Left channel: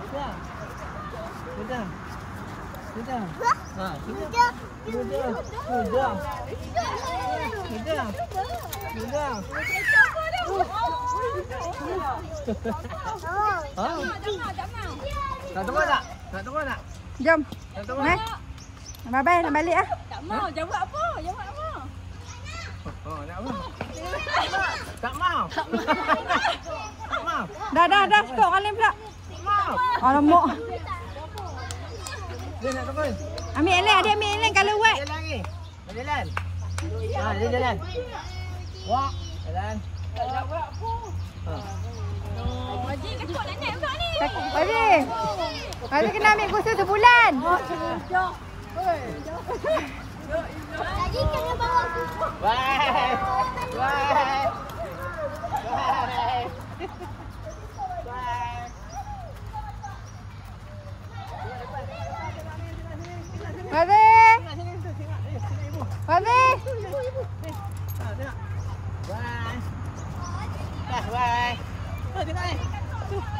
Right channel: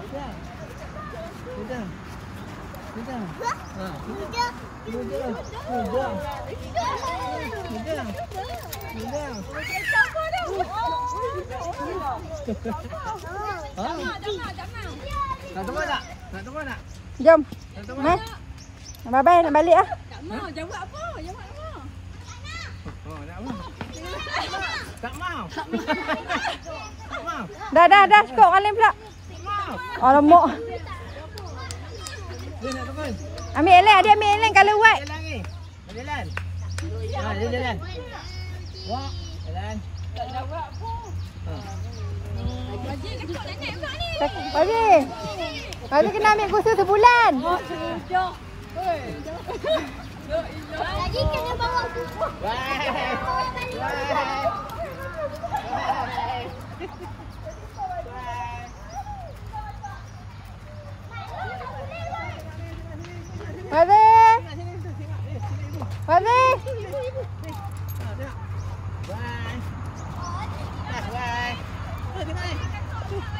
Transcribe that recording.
Sudah. Sudah. Sudah. Ha, sudah. Sudah. Sudah. Sudah. Sudah. Nak tunggu tak? Nak tunggu tak? Jom. Nak tunggu Ni. tak? Bye-bye nak balik ah. Tak mau. Jawab apa? Jawab apa? Oh, nak apa? Tak mau. Tak mau. Dah. Stok kalian pula. Tak mau. Alamak. Dia nak tunggu. Ambil Ellen, dia ambil Ellen kalau buat. Jalan ni. Jalan. Ha, dia jalan. Wah, jalan. Tak jawab apa? Ha. Wajib kekok nak naik pula ni. Aziz. Aziz kena ambil kursus sebulan. Sejak. Lagi kena bawa buku. Bye. Bye. Bye. Aziz. Aziz. Bye. Bye. Bye. Tengok ni.